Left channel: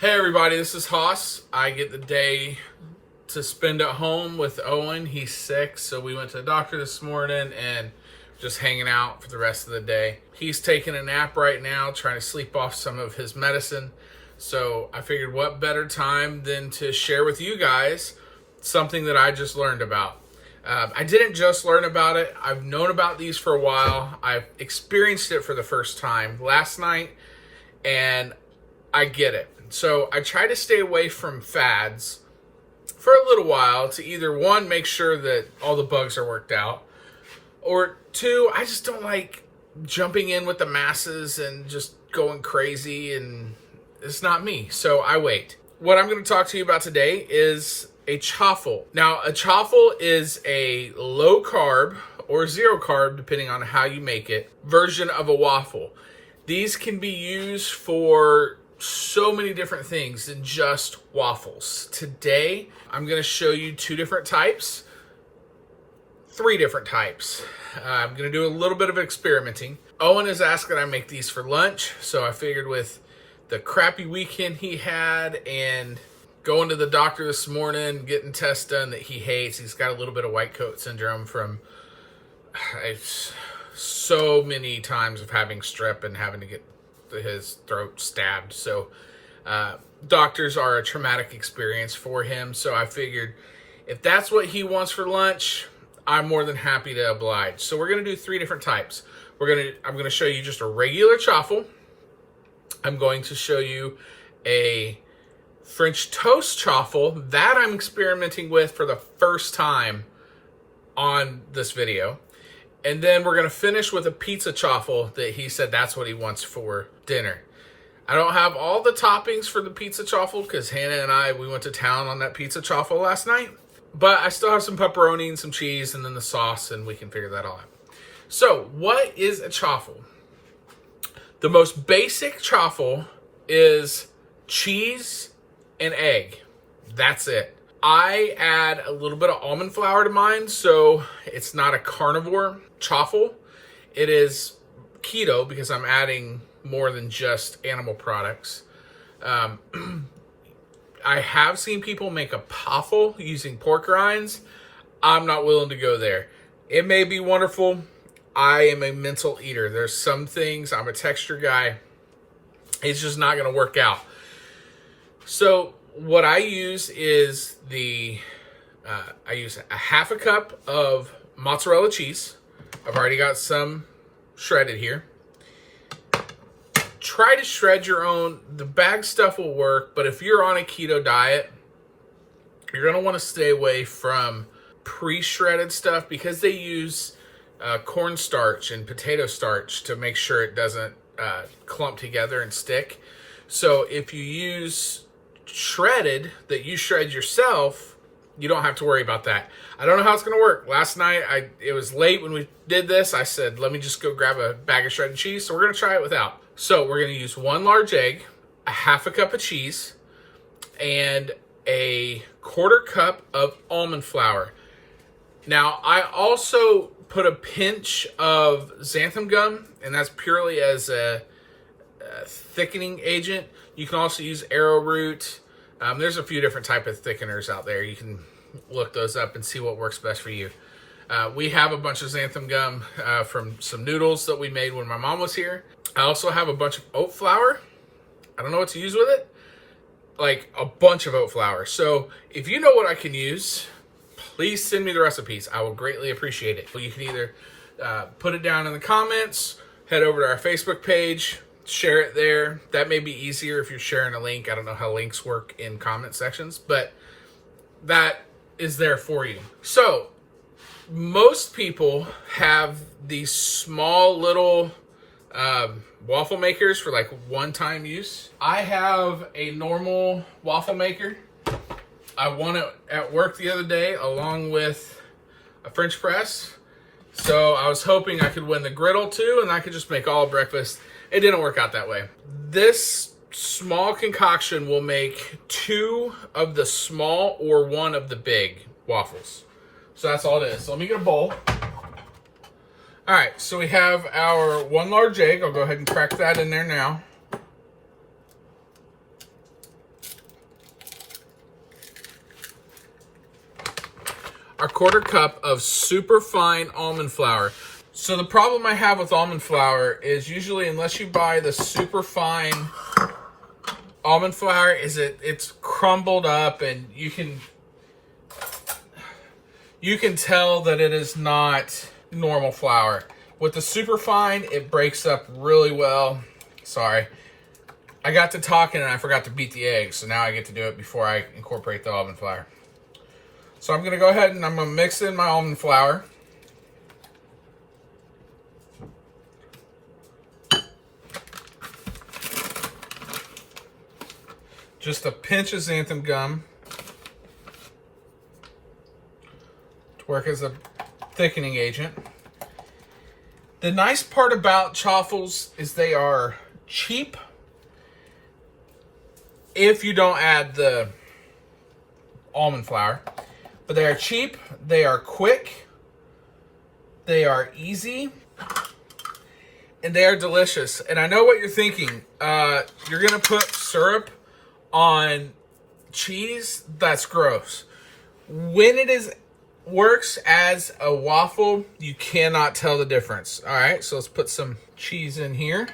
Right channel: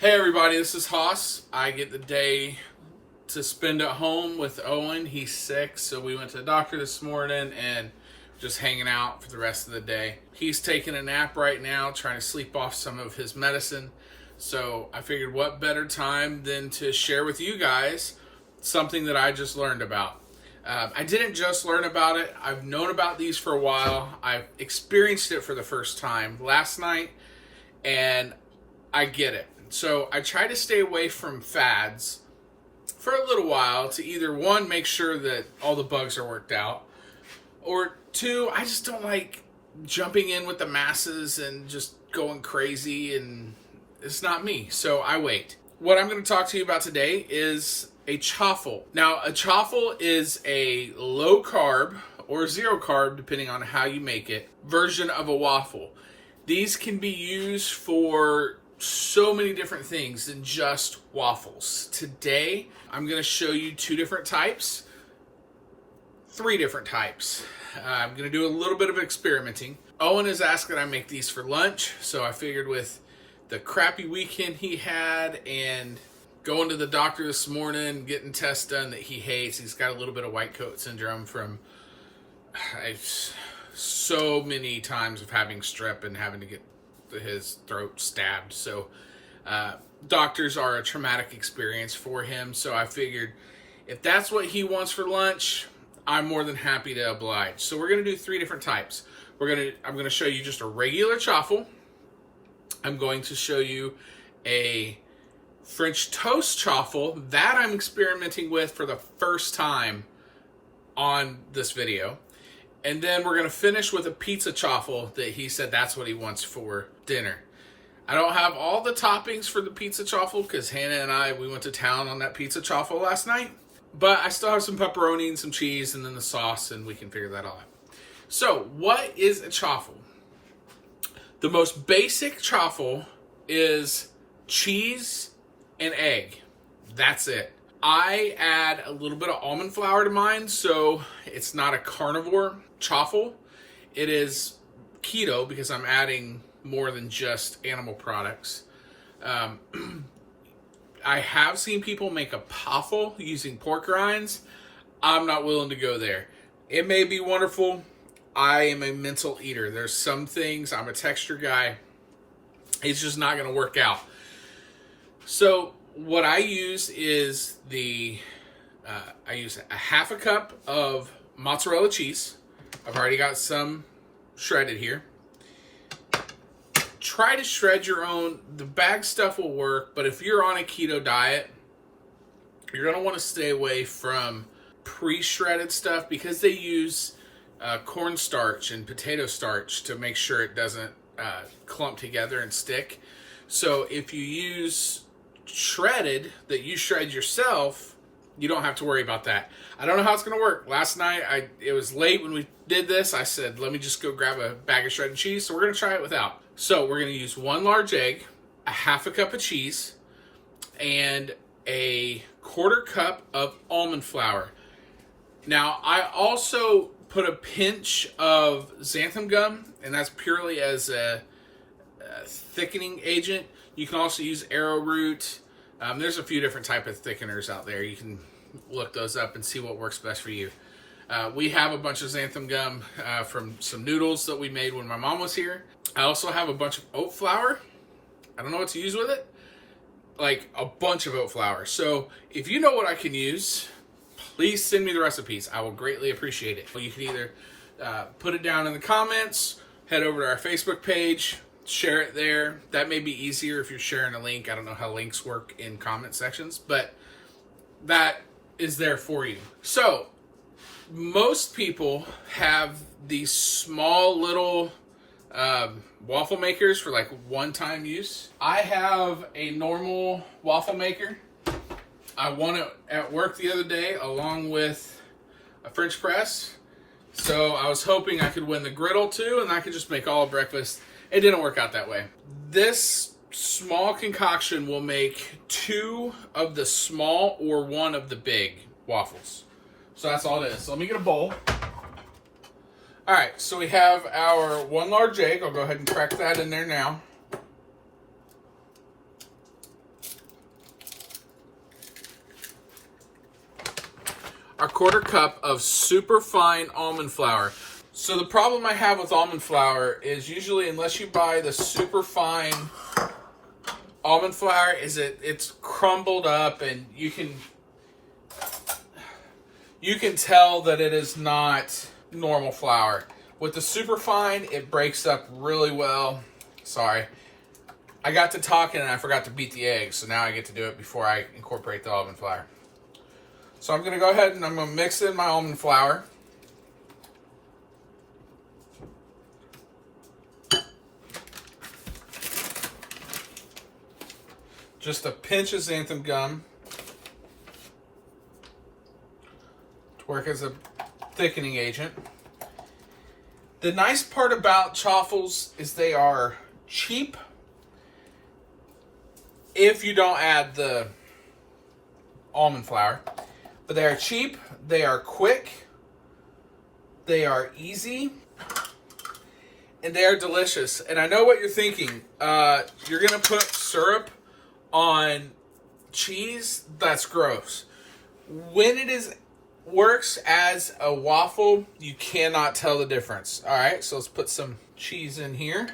Hey everybody, this is Haas. I get the day to spend at home with Owen. He's sick, so we went to the doctor this morning and just hanging out for the rest of the day. He's taking a nap right now, trying to sleep off some of his medicine. So I figured what better time than to share with you guys something that I just learned about. I didn't just learn about it. I've known about these for a while. I've experienced it for the first time last night, and I get it. So I try to stay away from fads for a little while to either, one, make sure that all the bugs are worked out, or two, I just don't like jumping in with the masses and just going crazy, and it's not me. So I wait. What I'm going to talk to you about today is a chaffle. Now, a chaffle is a low carb or zero carb, depending on how you make it, version of a waffle. These can be used for so many different things than just waffles. Today, I'm going to show you three different types. I'm going to do a little bit of experimenting. Owen has asked that I make these for lunch, so I figured with the crappy weekend he had and going to the doctor this morning, getting tests done that he hates. He's got a little bit of white coat syndrome from so many times of having strep and having to get his throat stabbed. So doctors are a traumatic experience for him. So I figured if that's what he wants for lunch, I'm more than happy to oblige. So we're going to do three different types. I'm going to show you just a regular chaffle. I'm going to show you a French toast chaffle that I'm experimenting with for the first time on this video. And then we're going to finish with a pizza chaffle that he said that's what he wants for dinner. I don't have all the toppings for the pizza chaffle because Hanna and we went to town on that pizza chaffle last night. But I still have some pepperoni and some cheese and then the sauce, and we can figure that all out. So what is a chaffle? The most basic chaffle is cheese and egg. That's it. I add a little bit of almond flour to mine, so it's not a carnivore chaffle. It is keto because I'm adding more than just animal products. I have seen people make a poffle using pork rinds. I'm not willing to go there. It may be wonderful. I am a mental eater. There's some things, I'm a texture guy. It's just not going to work out. So what I use is I use a half a cup of mozzarella cheese. I've already got some shredded here. Try to shred your own. The bag stuff will work, but if you're on a keto diet, you're going to want to stay away from pre-shredded stuff because they use cornstarch and potato starch to make sure it doesn't clump together and stick. So if you use shredded that you shred yourself, you don't have to worry about that. I don't know how it's going to work. Last night, it was late when we did this. I said, let me just go grab a bag of shredded cheese. So we're going to try it without. So we're going to use one large egg, a half a cup of cheese, and a quarter cup of almond flour. Now, I also put a pinch of xanthan gum, and that's purely as a thickening agent. You can also use arrowroot. There's a few different type of thickeners out there. You can look those up and see what works best for you. We have a bunch of xanthan gum from some noodles that we made when my mom was here. I also have a bunch of oat flour. I don't know what to use with it. Like a bunch of oat flour. So if you know what I can use, please send me the recipes. I will greatly appreciate it. You can either put it down in the comments, head over to our Facebook page, share it there. That may be easier if you're sharing a link. I don't know how links work in comment sections, but that is there for you. So most people have these small little waffle makers for like one-time use. I have a normal waffle maker. I won it at work the other day along with a French press. So I was hoping I could win the griddle too, and I could just make all breakfast. It didn't work out that way. This small concoction will make 2 of the small or 1 of the big waffles. So that's all it is. So let me get a bowl. All right, so we have our 1 large egg. I'll go ahead and crack that in there now. a quarter cup of super fine almond flour. So the problem I have with almond flour is usually, unless you buy the super fine almond flour, is it's crumbled up, and you can tell that it is not normal flour. With the super fine, it breaks up really well. Sorry. I got to talking and I forgot to beat the eggs, so now I get to do it before I incorporate the almond flour. So I'm going to go ahead and I'm going to mix in my almond flour. Just a pinch of xanthan gum to work as a thickening agent. The nice part about Chaffels is they are cheap if you don't add the almond flour. But they are cheap, they are quick, they are easy, and they are delicious. And I know what you're thinking. You're going to put syrup on cheese? That's gross. When it works as a waffle, you cannot tell the difference. All right, so let's put some cheese in here.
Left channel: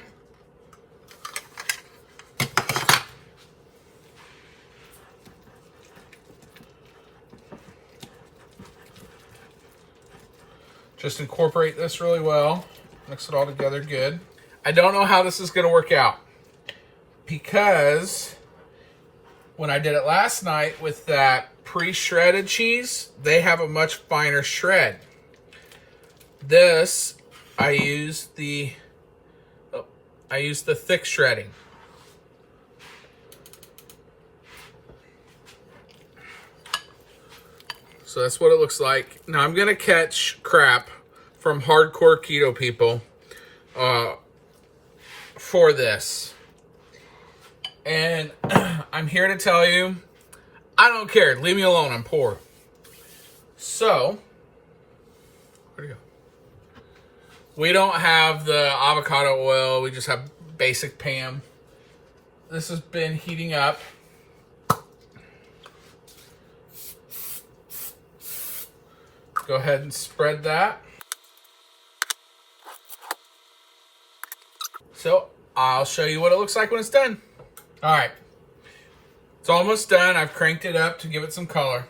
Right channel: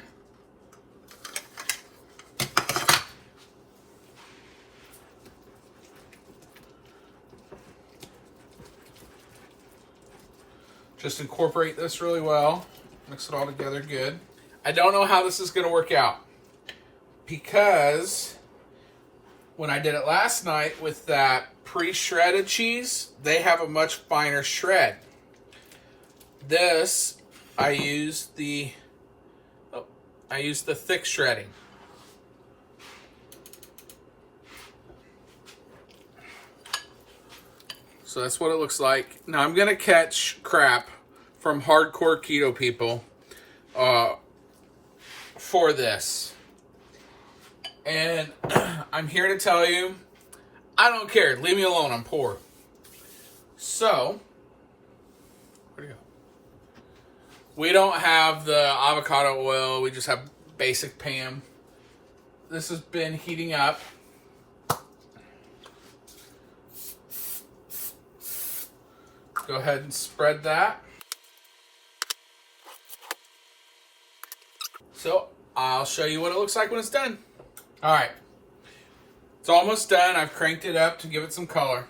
Just incorporate this really well. Mix it all together good. I don't know how this is going to work out, because when I did it last night with that pre-shredded cheese, they have a much finer shred. This, I used the thick shredding. So that's what it looks like. Now I'm gonna catch crap from hardcore keto people for this. And I'm here to tell you, I don't care. Leave me alone. I'm poor. So, where'd it go? We don't have the avocado oil. We just have basic Pam. This has been heating up. Go ahead and spread that. So, I'll show you what it looks like when it's done. All right. It's almost done. I've cranked it up to give it some color.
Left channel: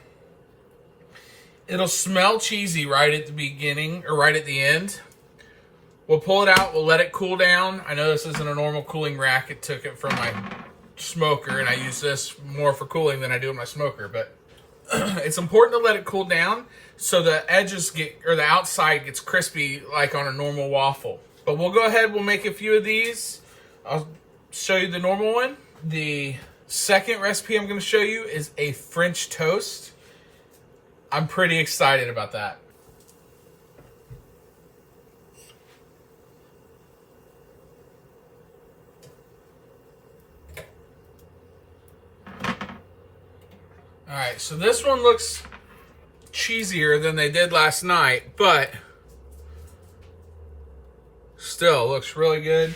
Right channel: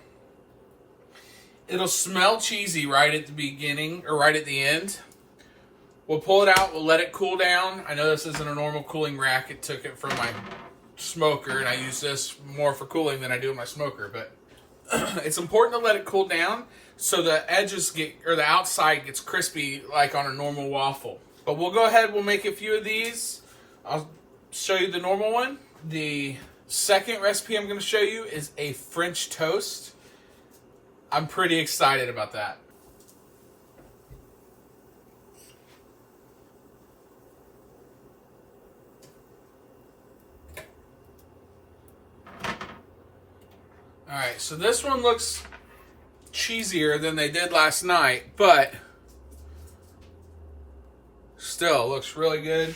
It'll smell cheesy right at the beginning or right at the end. We'll pull it out. We'll let it cool down. I know this isn't a normal cooling rack. It took it from my smoker, and I use this more for cooling than I do in my smoker. But it's important to let it cool down so the edges or the outside gets crispy like on a normal waffle. But we'll go ahead. We'll make a few of these. I'll show you the normal one. The second recipe I'm going to show you is a French toast. I'm pretty excited about that. All right, so this one looks cheesier than they did last night, but still looks really good.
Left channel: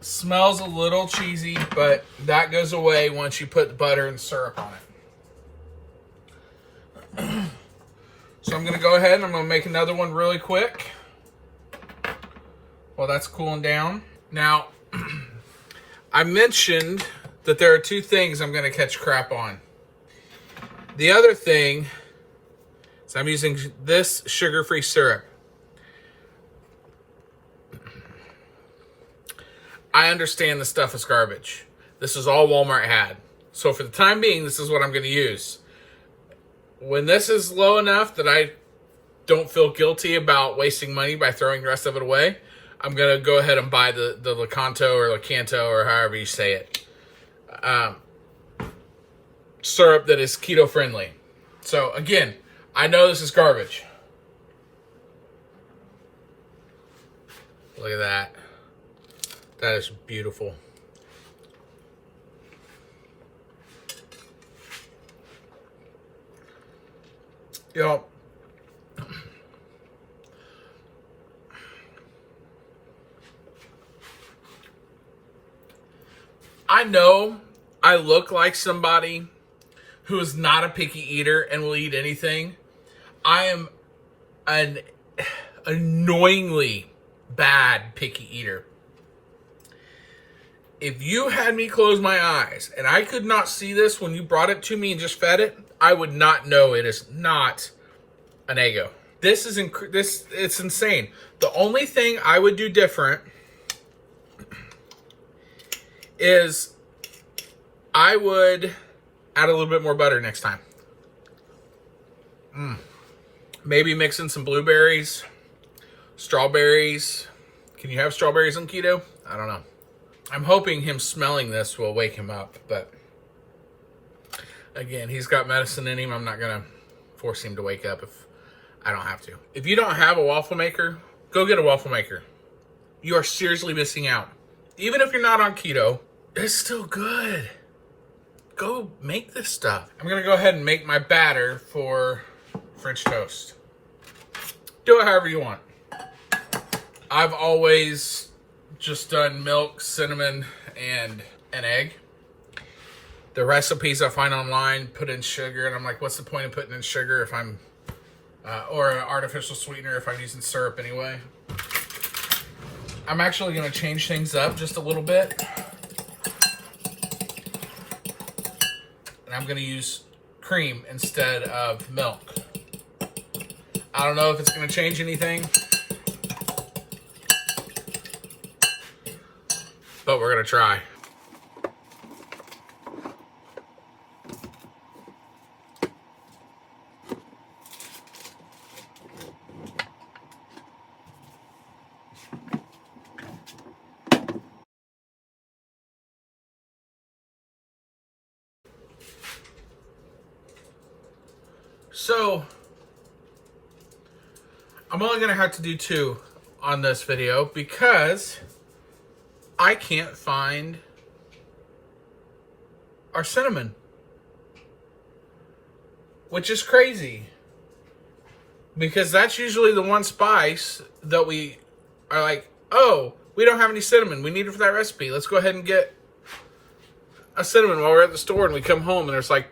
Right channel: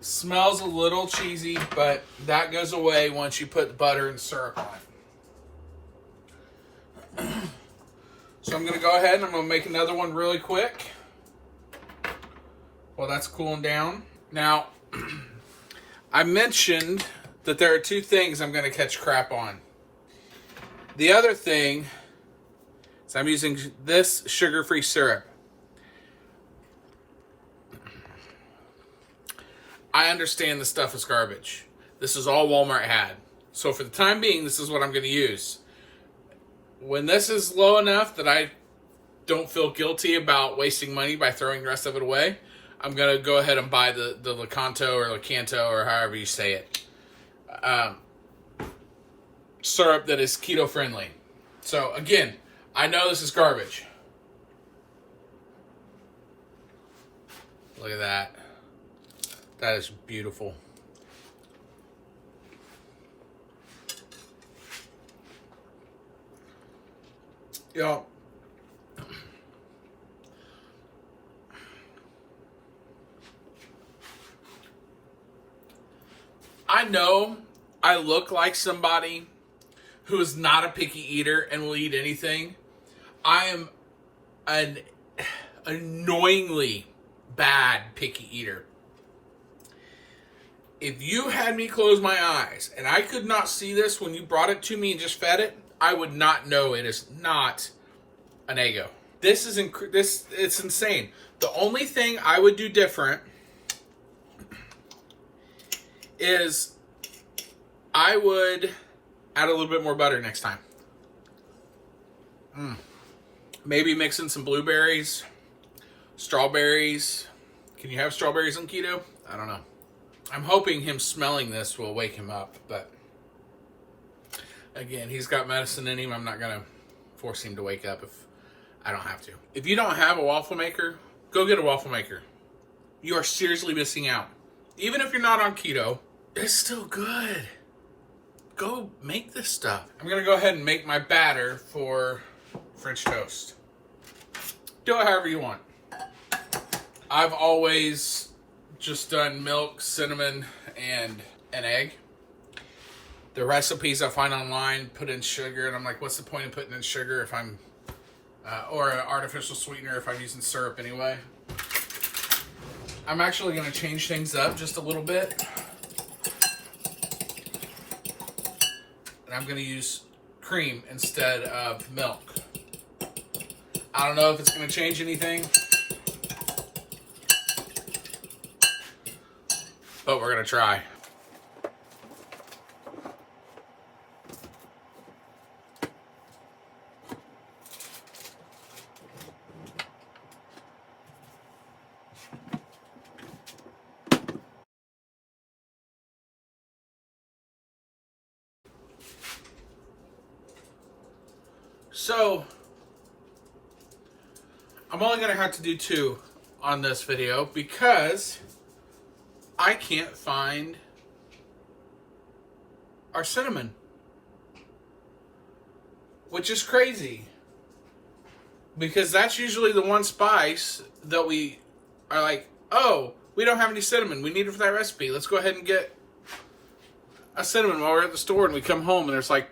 Smells a little cheesy, but that goes away once you put the butter and syrup on it. So I'm going to go ahead and I'm going to make another one really quick while that's cooling down. Now, I mentioned that there are two things I'm going to catch crap on. The other thing is I'm using this sugar-free syrup. I understand this stuff is garbage. This is all Walmart had. So for the time being, this is what I'm going to use. When this is low enough that I don't feel guilty about wasting money by throwing the rest of it away, I'm going to go ahead and buy the Lakanto or Lakanto or however you say it. Syrup that is keto friendly. So again, I know this is garbage. Look at that. That is beautiful. Yo, I know I look like somebody who is not a picky eater and will eat anything. I am an annoyingly bad picky eater. If you had me close my eyes and I could not see this when you brought it to me and just fed it, I would not know it is not an Eggo. This is it's insane. The only thing I would do different is I would add a little bit more butter next time. Maybe mix in some blueberries, strawberries. Can you have strawberries on keto? I don't know. I'm hoping him smelling this will wake him up, but again, he's got medicine in him. I'm not going to force him to wake up if I don't have to. If you don't have a waffle maker, go get a waffle maker. You are seriously missing out. Even if you're not on keto, it's still good. Go make this stuff. I'm going to go ahead and make my batter for French toast. Do it however you want. I've always just done milk, cinnamon, and an egg. The recipes I find online put in sugar, and I'm like, what's the point of putting in sugar if I'm, or an artificial sweetener if I'm using syrup anyway? I'm actually going to change things up just a little bit. And I'm going to use cream instead of milk. I don't know if it's going to change anything, but we're going to try. So, I'm only going to have to do 2 on this video because I can't find our cinnamon, which is crazy because that's usually the one spice that we are like, oh, we don't have any cinnamon. We need it for that recipe. Let's go ahead and get a cinnamon while we're at the store, and we come home and there's like,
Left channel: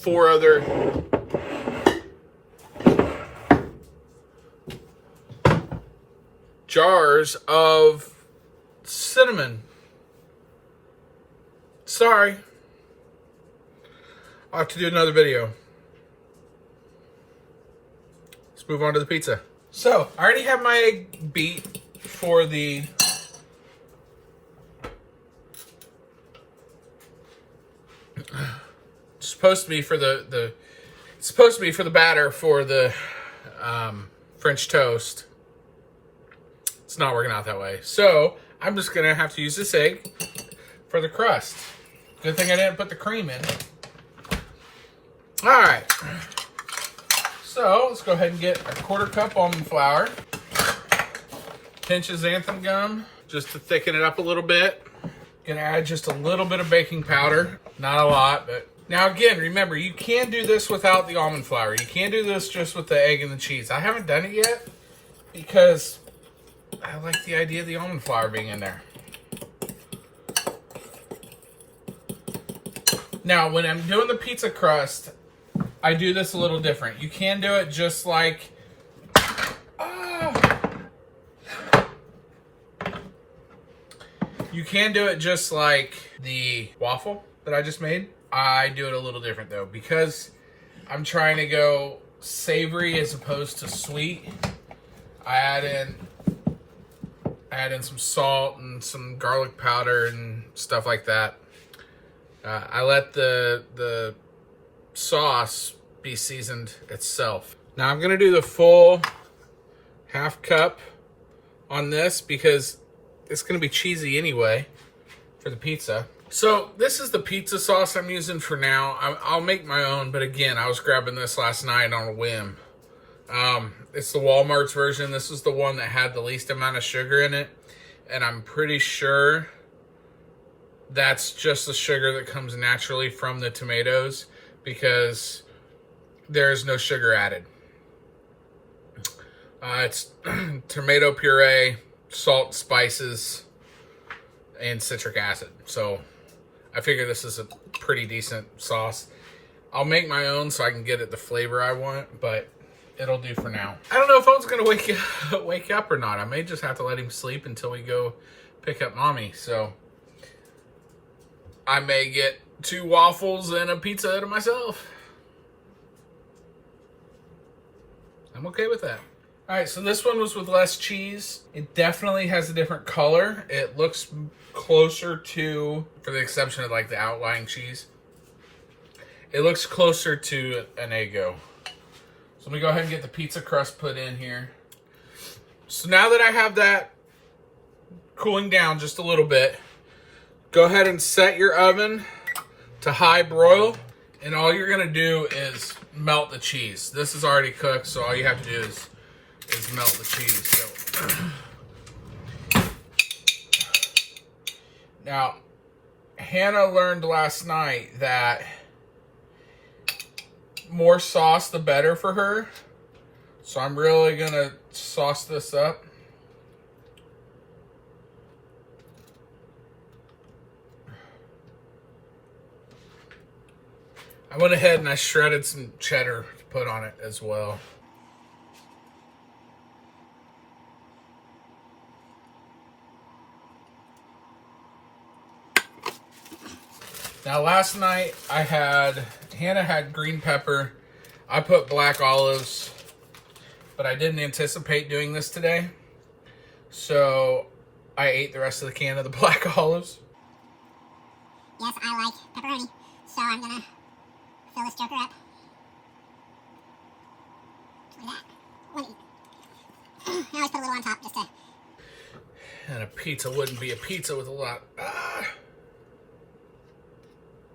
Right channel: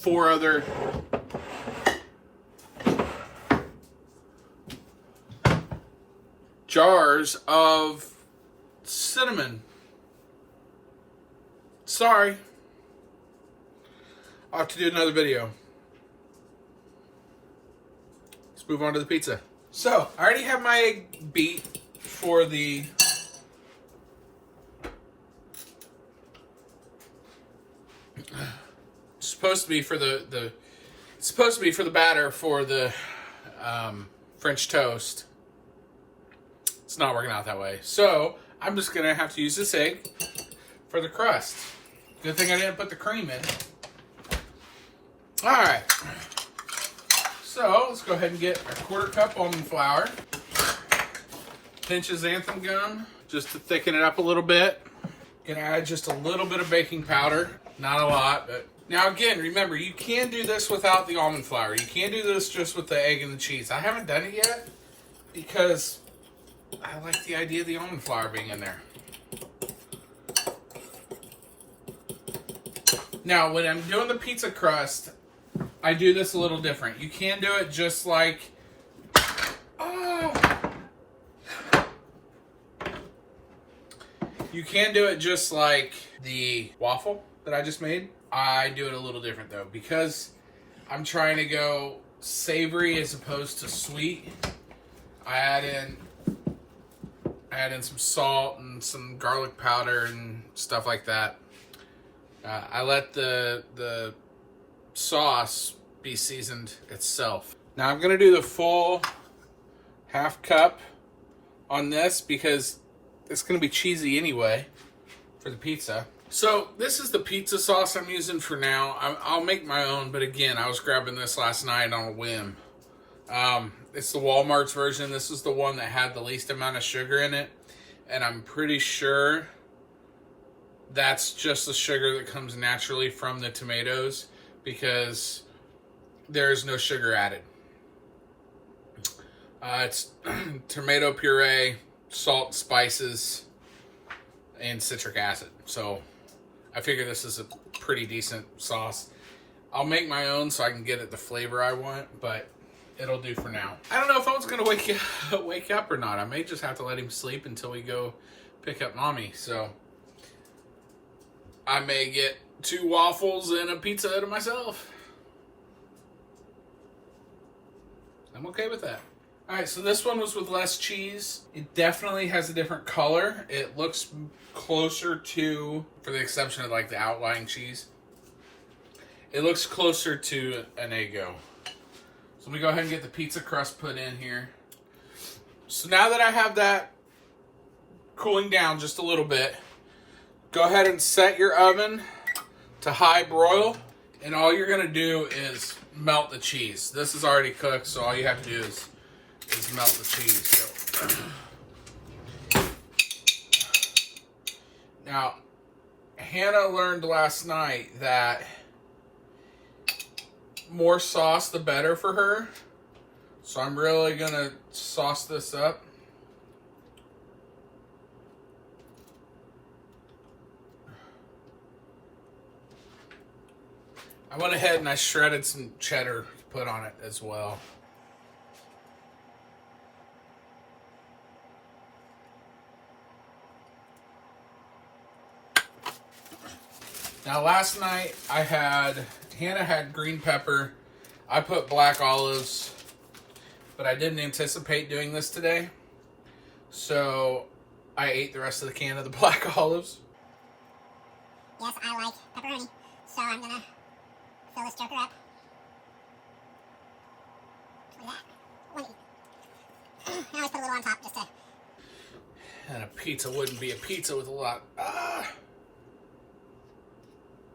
4 other jars of cinnamon. Sorry. I'll have to do another video. Let's move on to the pizza. So, I already have my egg beat for the it's supposed to be for the batter for the French toast. It's not working out that way. So, I'm just going to have to use this egg for the crust. Good thing I didn't put the cream in. Alright. So, let's go ahead and get a 1/4 cup almond flour. Pinch of xanthan gum, just to thicken it up a little bit. Gonna add just a little bit of baking powder. Not a lot, but... Now again, remember, you can do this without the almond flour. You can't do this just with the egg and the cheese. I haven't done it yet because I like the idea of the almond flour being in there. Now, when I'm doing the pizza crust, I do this a little different. You can do it just like... You can do it just like the waffle that I just made. I do it a little different though, because I'm trying to go savory as opposed to sweet. I add in some salt and some garlic powder and stuff like that. I let the sauce be seasoned itself. Now I'm gonna do the full 1/2 cup on this because it's gonna be cheesy anyway for the pizza. So this is the pizza sauce I'm using for now. I'll make my own, but again, I was grabbing this last night on a whim. It's the Walmart's version. This is the one that had the least amount of sugar in it. And I'm pretty sure that's just the sugar that comes naturally from the tomatoes because there's no sugar added. It's tomato puree, salt, spices, and citric acid. So I figure this is a pretty decent sauce. I'll make my own so I can get it the flavor I want, but it'll do for now. I don't know if Owen's gonna wake up or not. I may just have to let him sleep until we go pick up mommy. So I may get 2 waffles and a pizza to myself. I'm okay with that. All right, so this one was with less cheese. It definitely has a different color. It looks closer to, for the exception of like the outlying cheese, it looks closer to an Eggo. So let me go ahead and get the pizza crust put in here. So now that I have that cooling down just a little bit, go ahead and set your oven to high broil. And all you're gonna do is melt the cheese. This is already cooked, so all you have to do is melt the cheese. So. Now, Hannah learned last night that more sauce the better for her. So I'm really gonna sauce this up. I went ahead and I shredded some cheddar to put on it as well. Now last night Hannah had green pepper. I put black olives, but I didn't anticipate doing this today. So I ate the rest of the can of the black olives. Yes, I like pepperoni, so I'm gonna fill this joker up with that. I always put a little on top just to... And a pizza wouldn't be a pizza with a lot.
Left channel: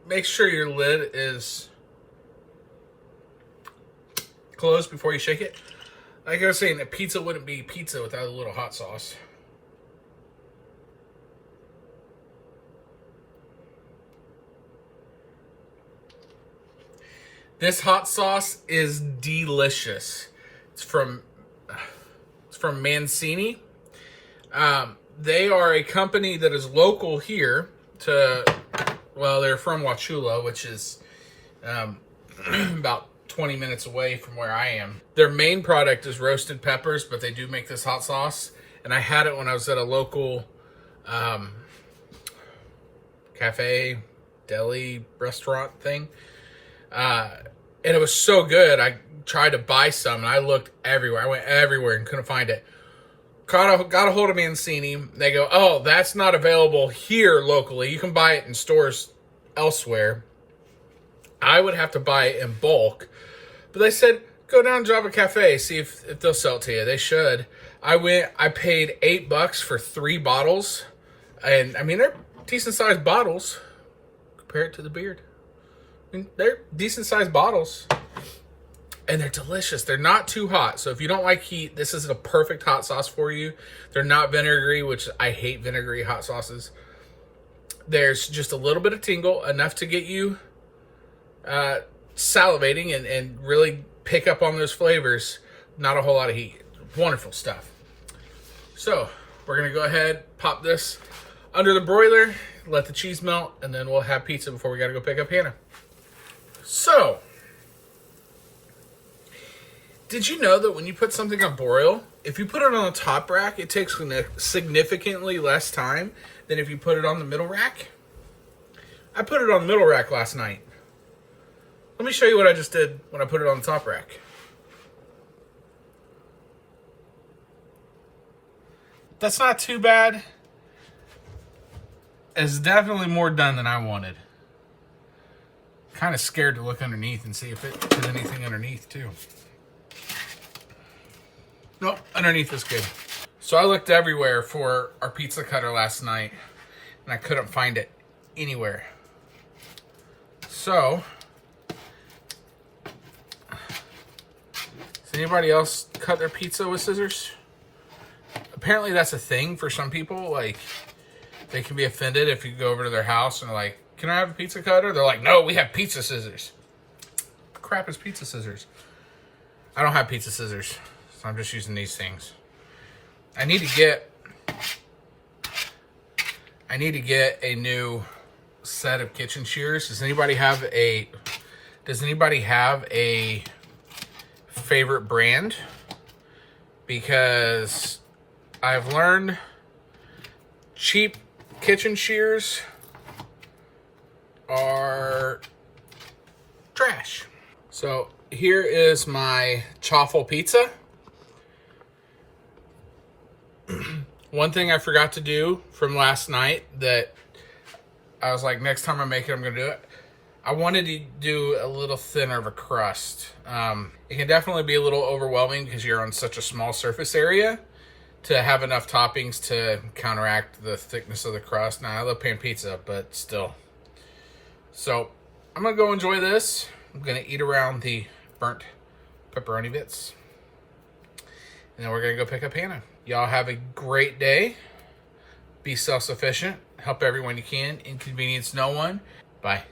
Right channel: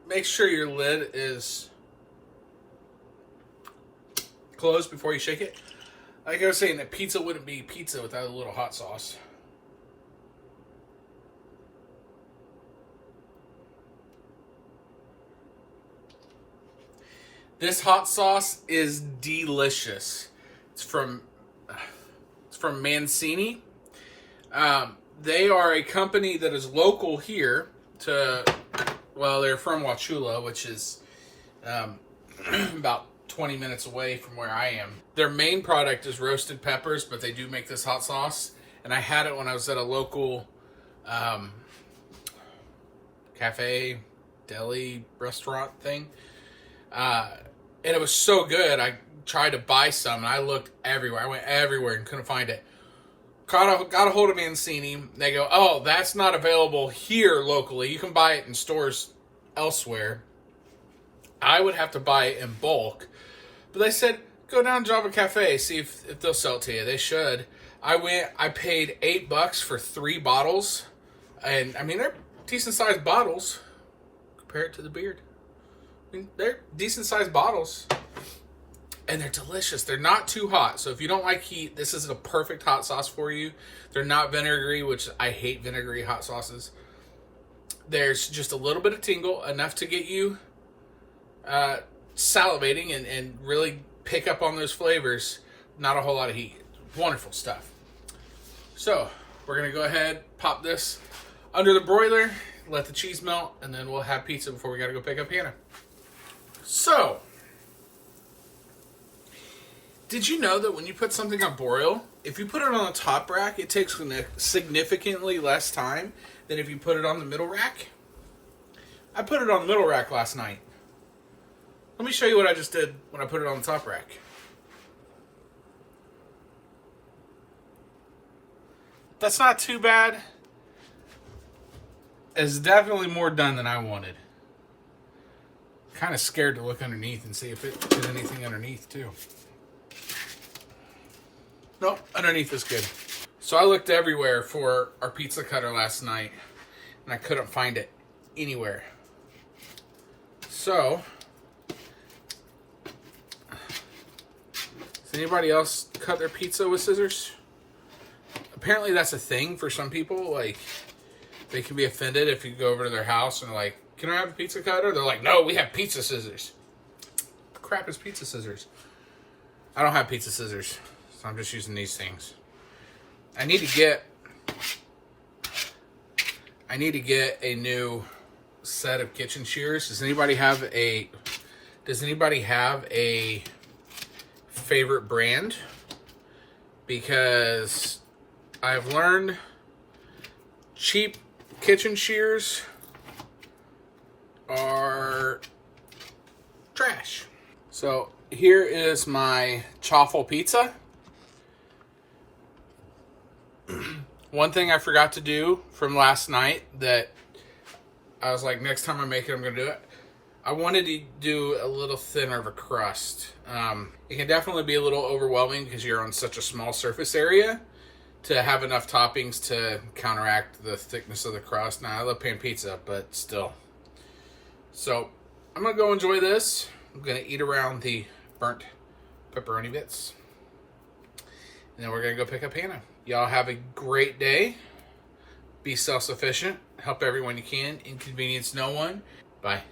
Make sure your lid is closed before you shake it. Like I was saying, a pizza wouldn't be pizza without a little hot sauce. This hot sauce is delicious. It's from Mancini. They are a company that is local here to, well, they're from Wauchula, which is about 20 minutes away from where I am. Their main product is roasted peppers, but they do make this hot sauce. And I had it when I was at a local cafe, deli, restaurant thing. And it was so good, I tried to buy some, and I looked everywhere. I went everywhere and couldn't find it. Got a hold of Mancini. They go, oh, that's not available here locally. You can buy it in stores elsewhere. I would have to buy it in bulk. But they said, go down to Java Cafe, see if they'll sell it to you. They should. I paid $8 for 3 bottles. And, I mean, they're decent-sized bottles. Compare it to the beard. I mean, they're decent-sized bottles. And they're delicious. They're not too hot. So if you don't like heat, this is a perfect hot sauce for you. They're not vinegary, which I hate vinegary hot sauces. There's just a little bit of tingle, enough to get you salivating and really pick up on those flavors. Not a whole lot of heat. Wonderful stuff. So we're going to go ahead, pop this under the broiler, let the cheese melt, and then we'll have pizza before we got to go pick up Hannah. So, did you know that when you put something on broil, if you put it on the top rack, it takes significantly less time than if you put it on the middle rack? I put it on the middle rack last night. Let me show you what I just did when I put it on the top rack. That's not too bad. It's definitely more done than I wanted. Kind of scared to look underneath and see if there's anything underneath too. Nope, underneath is good. So I looked everywhere for our pizza cutter last night and I couldn't find it anywhere. So, does anybody else cut their pizza with scissors? Apparently that's a thing for some people. Like, they can be offended if you go over to their house and they're like, can I have a pizza cutter? They're like, no, we have pizza scissors. What the crap is pizza scissors? I don't have pizza scissors, so I'm just using these things. I need to get a new set of kitchen shears. Does anybody have a Does anybody have a favorite brand? Because I've learned cheap kitchen shears are trash. So here is my Chaffel pizza. One thing I forgot to do from last night that I was like, next time I make it, I'm gonna do it. I wanted to do a little thinner of a crust. It can definitely be a little overwhelming because you're on such a small surface area to have enough toppings to counteract the thickness of the crust. Now, I love pan pizza, but still. So, I'm gonna go enjoy this. I'm gonna eat around the burnt pepperoni bits. And then we're gonna go pick up Hannah. Y'all have a great day. Be self-sufficient. Help everyone you can. Inconvenience no one. Bye.